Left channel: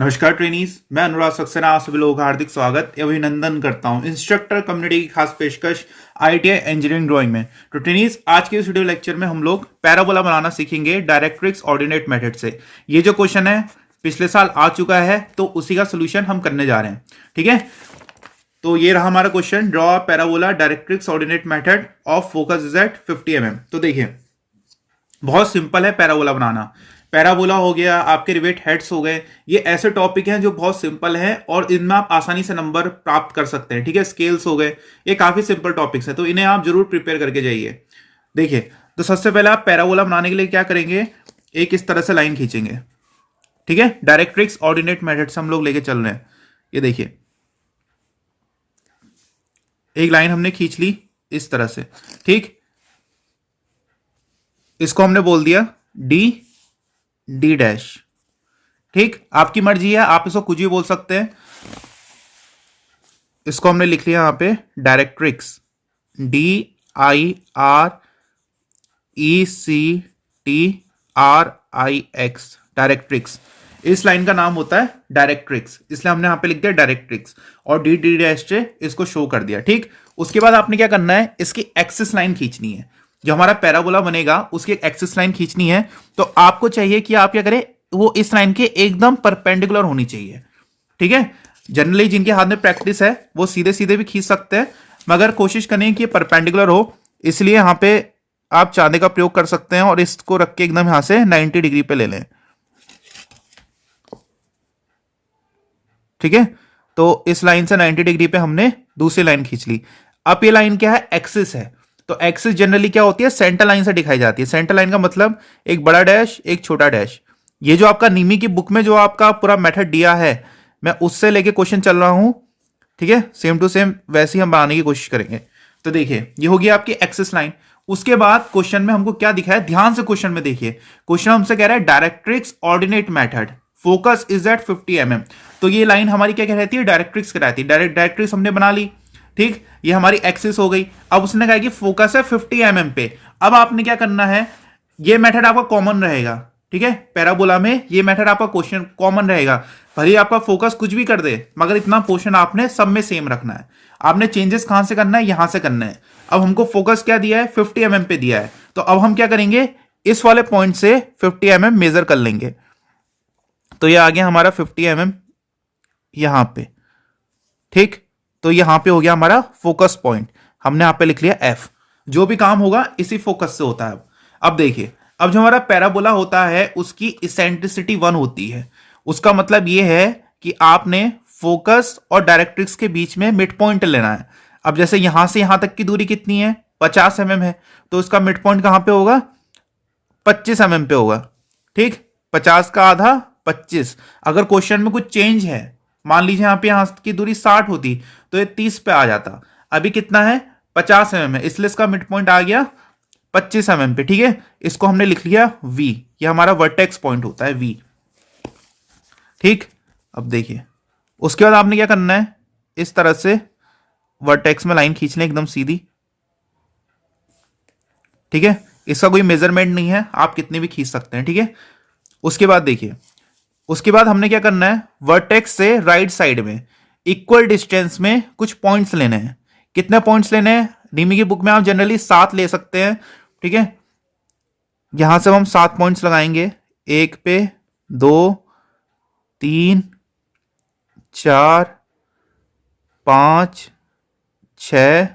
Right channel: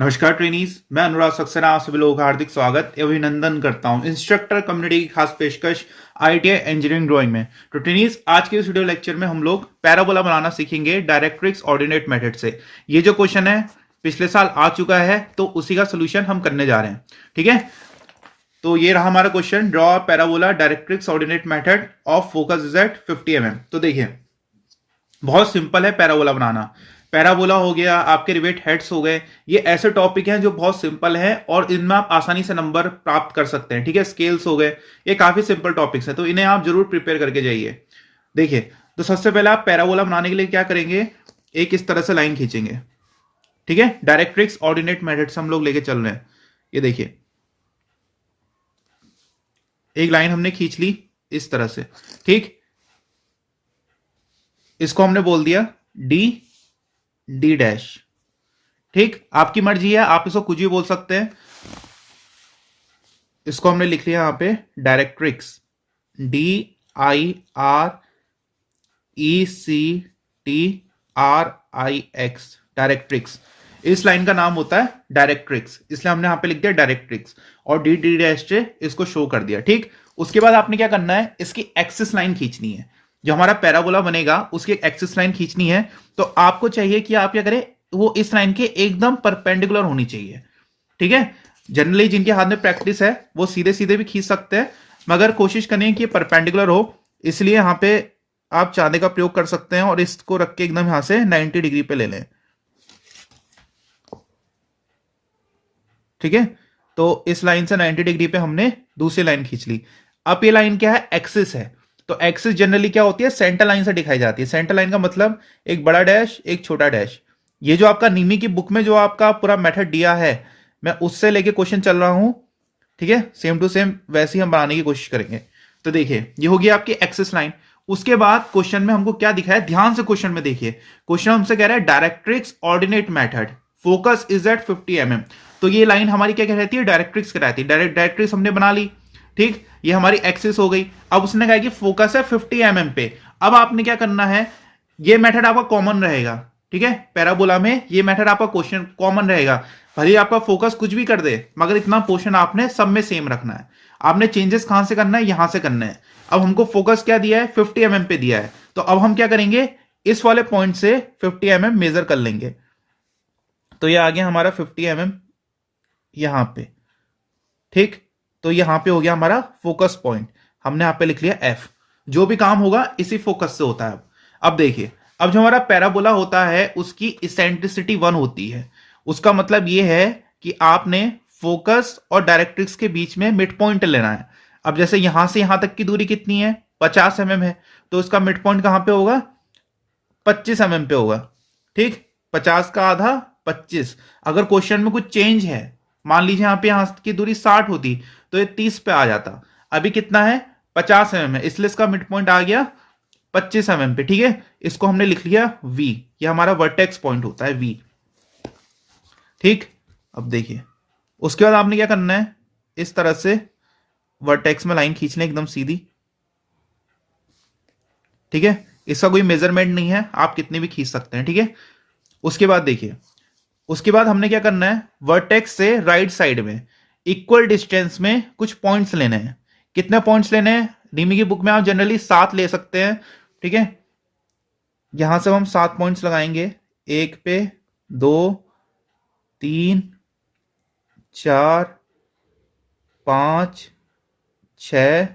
नमस्कार ट्रेनीज, मैं अनुराग सक्सेना आप सभी लोगों का हार्दिक स्वागत एवं अभिनंदन करता हूं इंस्ट्रक्टर कम्युनिटी की खास पेशकश आईटीआई इंजीनियरिंग ड्राइंग में। तो ट्रेनीज, आज के इस वीडियो लेक्चर में हम लोग पैराबोला बनाना सीखेंगे डायरेक्ट्रिक्स ऑर्डिनेट मेथड से। ये जो क्वेश्चन है पिछले साल आ चुका है, तो उसी का सोल्यूशन हम करने जा रहे हैं। ठीक है, तो ये रहा हमारा question, draw parabola directrix ordinate method of focus is at 50 mm। तो देखिए, बहुत सिंपल है पैराबोला बनाना। पैराबोला हो गया, आपके रिवेट हेड्स हो गए, ये ऐसे टॉपिक हैं जो बहुत सिंपल हैं और इनमें आप आसानी से नंबर प्राप्त कर सकते हैं। ठीक है, स्केल्स हो गए, ये काफी सिंपल टॉपिक्स हैं, तो इन्हें आप जरूर प्रिपेयर करके जाइए। देखिए, तो सबसे पहले आप पैराबोला बनाने के लिए क्या करेंगे, एक इस तरह से लाइन खींचेंगे। ठीक है, डायरेक्ट्रिक्स ऑर्डिनेट मेथड से हम लोग लेके चल रहे हैं। ये देखिए, एक लाइन हमने खींच ली इस तरह से। ठीक, इसको हमने बोल दिया डी डी डैश। ठीक, आपकी मर्जी है, आप इसको कुछ भी बोल सकते हैं। इसको हमने लिख लिया यहां पे डायरेक्ट्रिक्स, DIRECTRIX, डायरेक्ट्रिक्स। इस लाइन का नाम होता है डायरेक्ट्रिक्स, इसलिए हमने यहां पे लिख दिया डायरेक्ट्रिक्स और डी डी डैश से इसको शो कर दिया। ठीक, उसके बाद आपने क्या करना है, इसकी एक्सिस लाइन खींचनी है। जो हमारा पैराबोला बनेगा उसकी एक एक्सिस लाइन खींचनी है। तो आपको चाहिए कि आप क्या करें, वो इस लाइन के एकदम परपेंडिकुलर होनी चाहिए। ठीक है, जनरली जिनके हाथ में प्रैक्टिस है वो सीधे सीधे भी खींच सकते हैं, मगर कोशिश करें कि परपेंडिकुलर हो। इसलिए यहां पे आप चांदे का प्रयोग कर सकते हैं और इसको रख के एकदम यहां से 90 डिग्री पे ले लें। ठीक है, तो इस लाइन से 90 डिग्री पे हमने दूसरी लाइन खींच ली। अब ये लाइन क्या है, एक्सिस है। तो एक्सिस जनरली क्या होती है, सेंटर लाइन से दिखाई जाती है। सेंटर लाइन का मतलब एक बड़ा डैश एक छोटा डैश। ये जो आपका नीमी की बुक में जो आपका पूरा मेथड दिया है, मैं उससे लेके क्वेश्चन चल रहा हूं। ठीक है, सेम टू सेम वैसे ही हम बनाने की कोशिश करेंगे। तो देखिए, ये होगी आपकी एक्सिस लाइन। उसके बाद क्वेश्चन में हमको क्या दिखा है, ध्यान से क्वेश्चन में देखिए। क्वेश्चन हमसे कह रहा है directrix ordinate method, focus is at 50 mm। तो ये लाइन हमारी क्या कहती है, डायरेक्ट्रिक्स कहलाती है। डायरेक्ट्रिक्स हमने बना ली। ठीक, ये हमारी एक्सिस हो गई। अब उसने कहा कि फोकस है 50 mm पे। अब आपने क्या करना है, ये मेथड आपका कॉमन रहेगा। ठीक है, पैराबोला में ये मेथड आपका क्वेश्चन कॉमन रहेगा। भले आपका फोकस कुछ भी कर दे, मगर इतना पोर्शन आपने सब में सेम रखना है। आपने चेंजेस कहां से करना है, यहां से करना है। अब हमको फोकस क्या दिया है, 50 mm पे दिया है। तो अब हम क्या करेंगे, इस वाले पॉइंट से 50 mm मेजर कर लेंगे। तो ये आ गया हमारा 50 mm यहां पे। ठीक, तो यहां पे हो गया हमारा फोकस पॉइंट, हमने यहां पे लिख लिया F। जो भी काम होगा इसी फोकस से होता है। अब देखिए, अब जो हमारा पैराबोला होता है उसकी इसेंट्रिसिटी 1 होती है। उसका मतलब यह है कि आपने फोकस और डायरेक्ट्रिक्स के बीच में मिड पॉइंट लेना है। अब जैसे यहां से यहां तक की दूरी कितनी है, 50 mm है, तो इसका मिड पॉइंट कहां पे होगा, 25 mm पे होगा। ठीक, 50 का आधा 25। अगर क्वेश्चन में कुछ चेंज है, मान लीजिए यहां की दूरी 60 होती तो ये 30 पे आ जाता। अभी कितना है, 50 mm है, इसलिए इसका मिड पॉइंट आ गया 25 mm पे। ठीक है, इसको हमने लिख लिया V, ये हमारा वर्टेक्स पॉइंट होता है V। ठीक, अब देखिए, उसके बाद आपने क्या करना है, इस तरह से वर्टेक्स में लाइन खींचने एकदम सीधी। ठीक है, इसका कोई मेजरमेंट नहीं है, आप कितने भी खींच सकते हैं। ठीक है, उसके बाद देखिए, उसके बाद हमने क्या करना है, वर्टेक्स से राइट साइड में इक्वल डिस्टेंस में कुछ पॉइंट्स लेने हैं। कितने पॉइंट्स लेने हैं, डीमी की बुक में आप जनरली 7 ले सकते हैं। ठीक है, यहां से हम 7 पॉइंट्स लगाएंगे, 1 पे 2 3 4 5 6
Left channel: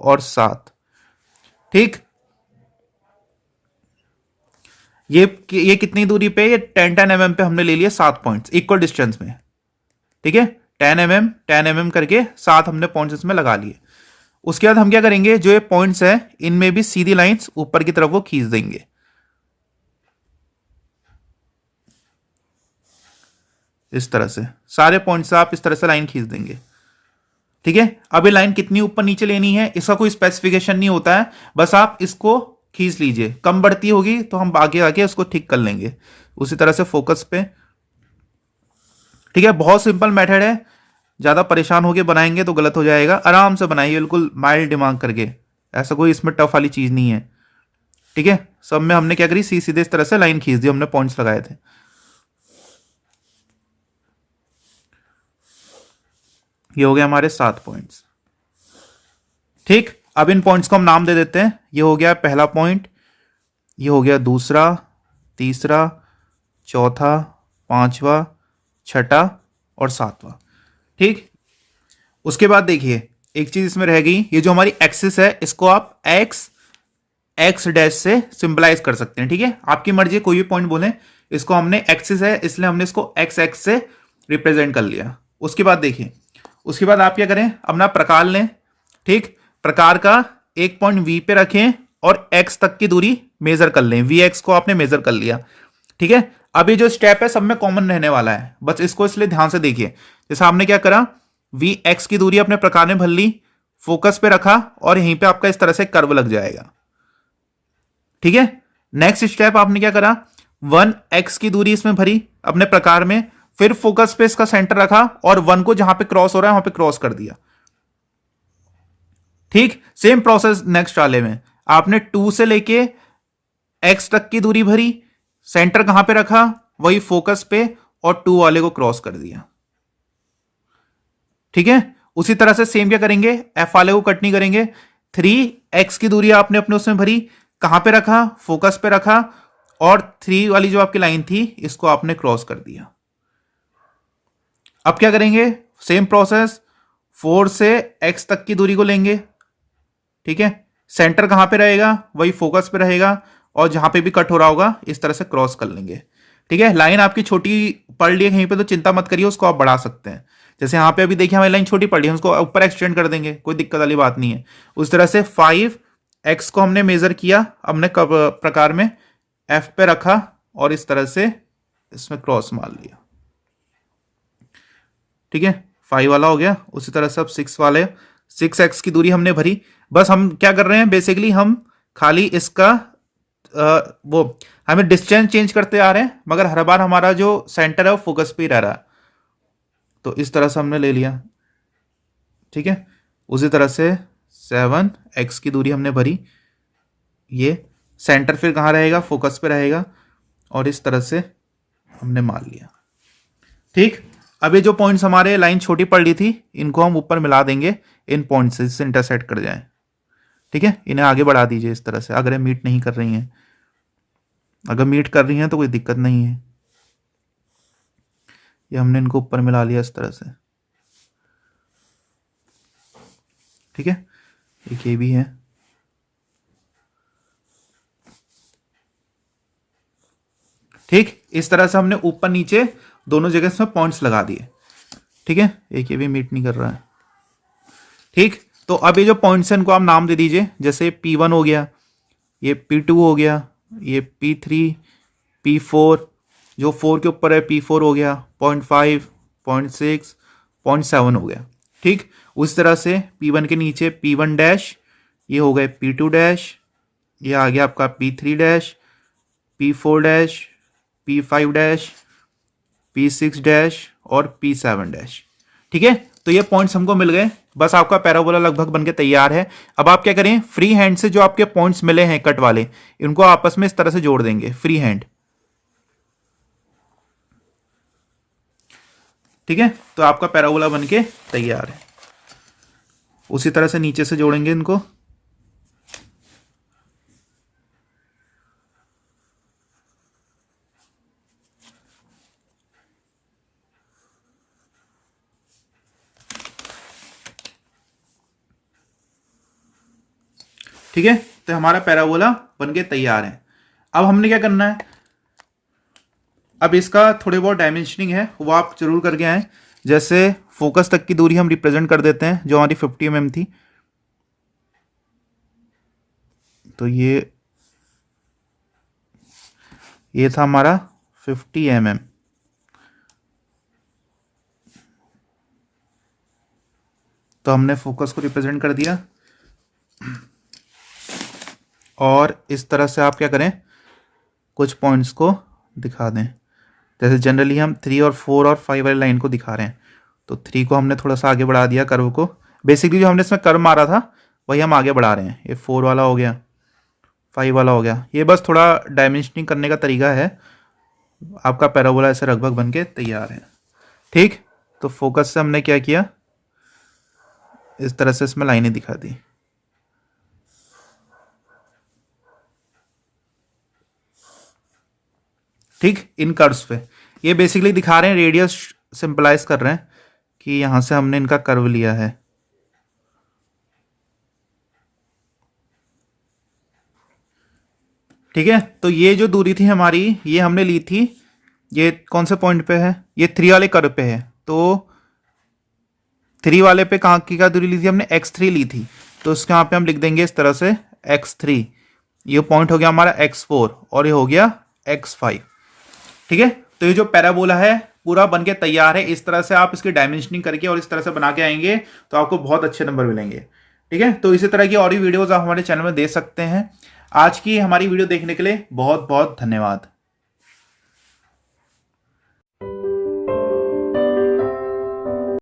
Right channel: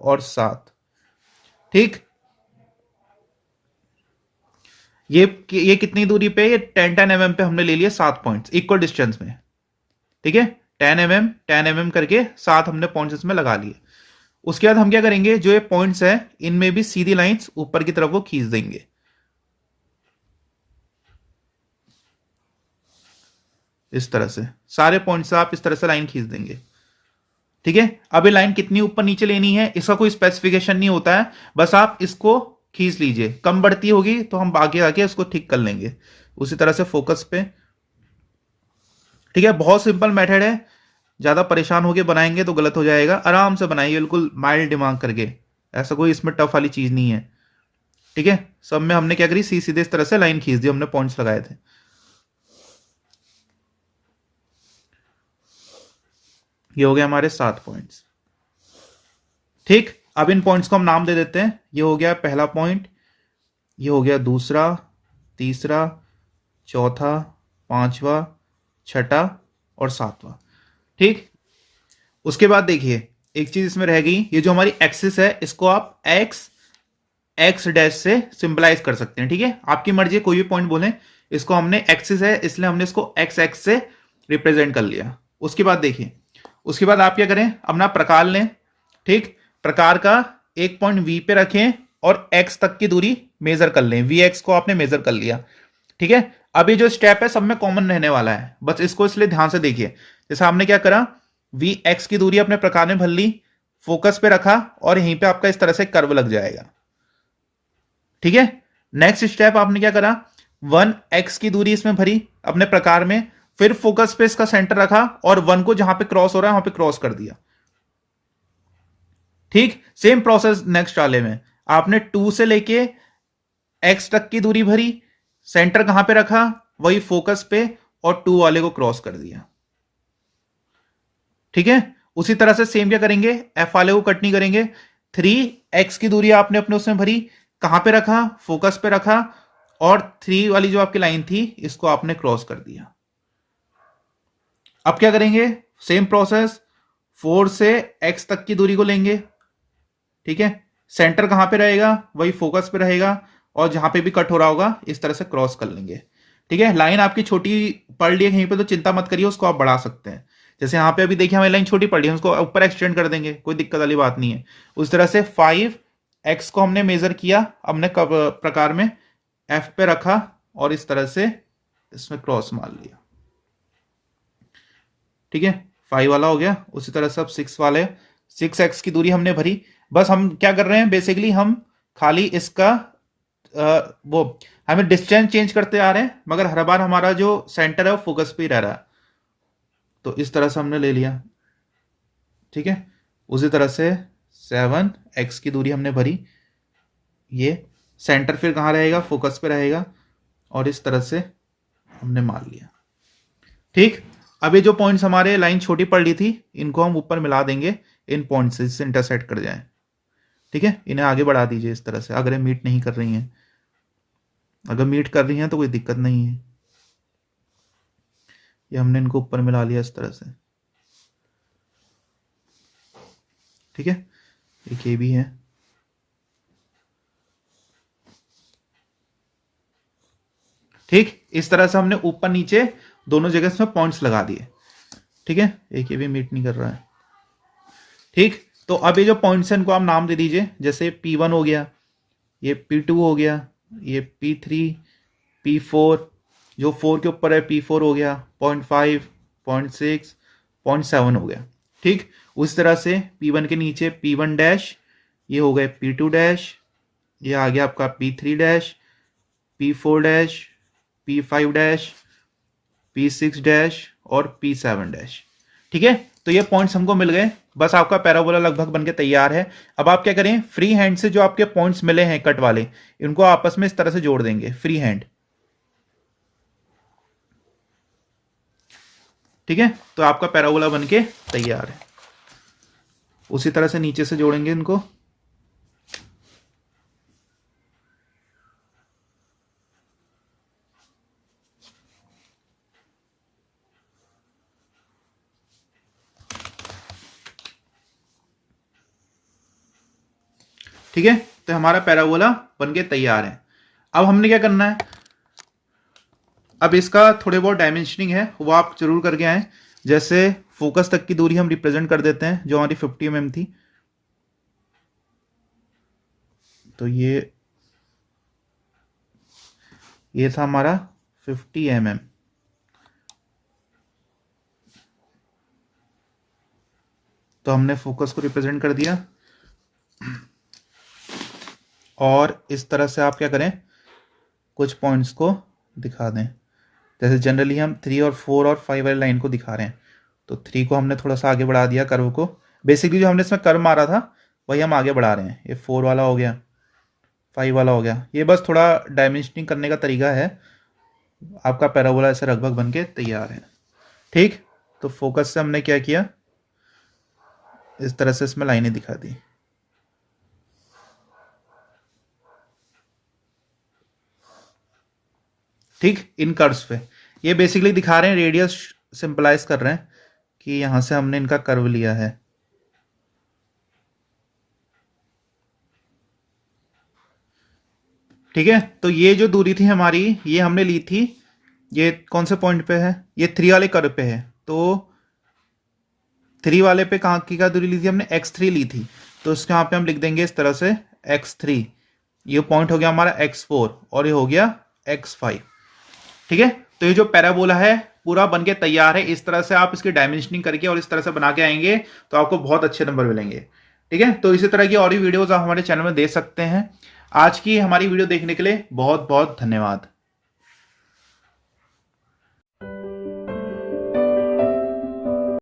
और 7। ठीक, ये कितनी दूरी पे, ये 10 mm पे हमने ले लिए 7 पॉइंट्स इक्वल डिस्टेंस में। ठीक है, 10 mm करके 7 हमने पॉइंट्स इसमें लगा लिए। उसके बाद हम क्या करेंगे, जो ये पॉइंट्स है इनमें भी सीधी लाइंस ऊपर की तरफ वो खींच देंगे। इस तरह से सारे पॉइंट्स आप इस तरह से लाइन खींच देंगे। ठीक है, अब ये लाइन कितनी ऊपर नीचे लेनी है इसका कोई स्पेसिफिकेशन नहीं होता है, बस आप इसको खींच लीजिए। कम बढ़ती होगी तो हम आगे आके उसको ठीक कर लेंगे उसी तरह से फोकस पे। ठीक है, बहुत सिंपल मेथड है, ज्यादा परेशान होके बनाएंगे तो गलत हो जाएगा। आराम से बनाइए, बिल्कुल माइल्ड दिमाग करके, ऐसा कोई इसमें टफ वाली चीज नहीं है। ठीक है, सब में हमने क्या करी, सीधे इस तरह से लाइन खींच दी, हमने पॉइंट्स लगाए थे। ये हो गया हमारे 7 पॉइंट्स। ठीक, अब इन पॉइंट्स को हम नाम दे देते हैं। ये हो गया पहला पॉइंट, ये हो गया दूसरा, तीसरा, चौथा, पांचवा, छठा और सातवां। ठीक, उसके बाद देखिए एक चीज इसमें रह गई, ये जो हमारी एक्सिस है इसको आप एक्स डैश से सिंबलाइज कर सकते हैं। ठीक है, आपकी मर्जी, कोई भी पॉइंट बोलें। इसको हमने एक्सिस है इसलिए हमने इसको एक्स एक्स से रिप्रेजेंट कर लिया। उसके बाद देखिए, उसके बाद आप क्या करें, अपना प्रकार लें। ठीक, प्रकार का एक पॉइंट वी पे रखें और एक्स तक की दूरी मेजर कर लें। वी एक्स को आपने मेजर कर लिया। ठीक है, अब ये जो स्टेप है सब में कॉमन रहने वाला है, बस इसको इसलिए ध्यान से देखिए। जैसे हमने क्या करा, वी एक्स की दूरी अपने प्रकार में भर ली, फोकस पे रखा और यहीं पे आपका इस तरह से कर्व लग जाएगा। ठीक है, नेक्स्ट स्टेप आपने क्या करा, 1x की दूरी इसमें भरी अपने प्रकार में, फिर फोकस पे इसका सेंटर रखा और 1 को जहां पे क्रॉस हो रहा है वहां पे क्रॉस कर दिया। ठीक, सेम प्रोसेस नेक्स्ट वाले में आपने 2 से लेके x तक की दूरी भरी, सेंटर कहां पे रखा, वही फोकस पे, और 2 वाले को क्रॉस कर दिया। ठीक है, उसी तरह से सेम क्या करेंगे, f वाले को कट नहीं करेंगे। 3x की दूरी आपने अपने उसमें भरी, कहां पे रखा, फोकस पे रखा, और 3 वाली जो आपकी लाइन थी इसको आपने क्रॉस कर दिया। अब क्या करेंगे, सेम प्रोसेस, 4 से x तक की दूरी को लेंगे। ठीक है, सेंटर कहां पे रहेगा, वही फोकस पे रहेगा, और जहां पे भी कट हो रहा होगा इस तरह से क्रॉस कर लेंगे। ठीक है, लाइन आपकी छोटी पड़ रही है कहीं पे तो चिंता मत करिए, उसको आप बढ़ा सकते हैं। जैसे यहाँ पे अभी देखिए हमारी लाइन छोटी पड़ी है, उसको ऊपर एक्सटेंड कर देंगे, कोई दिक्कत वाली बात नहीं है। उस तरह से 5x को हमने मेजर किया, हमने प्रकार में f पे रखा और इस तरह से इसमें क्रॉस मार लिया। ठीक है, 5 वाला हो गया। उसी तरह से अब 6 वाले, 6x की दूरी हमने भरी। बस हम क्या कर रहे हैं, बेसिकली हम खाली इसका वो हमें डिस्टेंस चेंज करते आ रहे हैं, मगर हर बार हमारा जो सेंटर है वो फोकस पे ही रह रहा है। तो इस तरह से हमने ले लिया। ठीक है, उसी तरह से 7x की दूरी हमने भरी, ये सेंटर फिर कहाँ रहेगा, फोकस पे रहेगा, और इस तरह से हमने मार लिया। ठीक, अब ये जो पॉइंट्स हमारे लाइन छोटी पड़ रही थी इनको हम ऊपर मिला देंगे इन पॉइंट से, जिससे इंटरसेक्ट कर जाए। ठीक है, इन्हें आगे बढ़ा दीजिए इस तरह से, अगर ये मीट नहीं कर रही हैं। अगर मीट कर रही हैं तो कोई दिक्कत नहीं है। ये हमने इनको ऊपर मिला लिया इस तरह से। ठीक है, एक ये भी है। ठीक, इस तरह से हमने ऊपर नीचे दोनों जगह इसमें पॉइंट्स लगा दिए। ठीक है, एक ये भी मीट नहीं कर रहा है। ठीक, तो अब ये जो पॉइंट्स हैं इनको आप नाम दे दीजिए। जैसे P1 हो गया, ये P2 हो गया, ये P3, P4, जो 4 के ऊपर है P4 हो गया, 0.5, 0.6, 0.7 हो गया। ठीक, उस तरह से P1 के नीचे P1 डैश, ये हो गए P2 डैश, ये आ गया आपका P3 dash, P4 dash, P5 dash, P6 dash और P7 डैश। ठीक है, तो ये पॉइंट्स हमको मिल गए। बस आपका पैराबोला लगभग बनके तैयार है। अब आप क्या करें, फ्री हैंड से जो आपके पॉइंट्स मिले हैं कट वाले, इनको आपस में इस तरह से जोड़ देंगे फ्री हैंड। ठीक है, तो आपका पैराबोला बनके तैयार है। उसी तरह से नीचे से जोड़ेंगे इनको। ठीक है, तो हमारा पैराबोला बनके तैयार है। अब हमने क्या करना है, अब इसका थोड़े बहुत डायमेंशनिंग है वो आप जरूर करके आए। जैसे फोकस तक की दूरी हम रिप्रेजेंट कर देते हैं, जो हमारी 50 mm थी। तो ये था हमारा 50 mm। तो हमने फोकस को रिप्रेजेंट कर दिया, और इस तरह से आप क्या करें, कुछ पॉइंट्स को दिखा दें। जैसे जनरली हम 3 और 4 और 5 वाली लाइन को दिखा रहे हैं, तो 3 को हमने थोड़ा सा आगे बढ़ा दिया कर्व को। बेसिकली जो हमने इसमें कर्व मारा था वही हम आगे बढ़ा रहे हैं। ये 4 वाला हो गया, 5 वाला हो गया। ये बस थोड़ा डायमेंशनिंग करने का तरीका है। आपका पैराबोला ऐसे लगभग बन के तैयार है। ठीक, तो फोकस से हमने क्या किया, इस तरह से इसमें लाइनें दिखा दी। ठीक, इन कर्व्स पे ये बेसिकली दिखा रहे हैं, रेडियस सिंपलाइज कर रहे हैं कि यहां से हमने इनका कर्व लिया है। ठीक है, तो ये जो दूरी थी हमारी, ये हमने ली थी, ये कौन से पॉइंट पे है, ये 3 वाले कर्व पे है। तो 3 वाले पे कहाँ की क्या दूरी ली थी हमने, x3 ली थी। तो इसके यहाँ पे हम लिख देंगे इस तरह से x3, ये पॉइंट हो गया हमारा x4 और ये हो गया x5। ठीक है, तो ये जो पैराबोला है पूरा बन के तैयार है। इस तरह से आप इसकी डायमेंशनिंग करके और इस तरह से बना के आएंगे तो आपको बहुत अच्छे नंबर मिलेंगे। ठीक है, तो इसी तरह की और भी वीडियोस आप हमारे चैनल में देख सकते हैं। आज की हमारी वीडियो देखने के लिए बहुत बहुत धन्यवाद।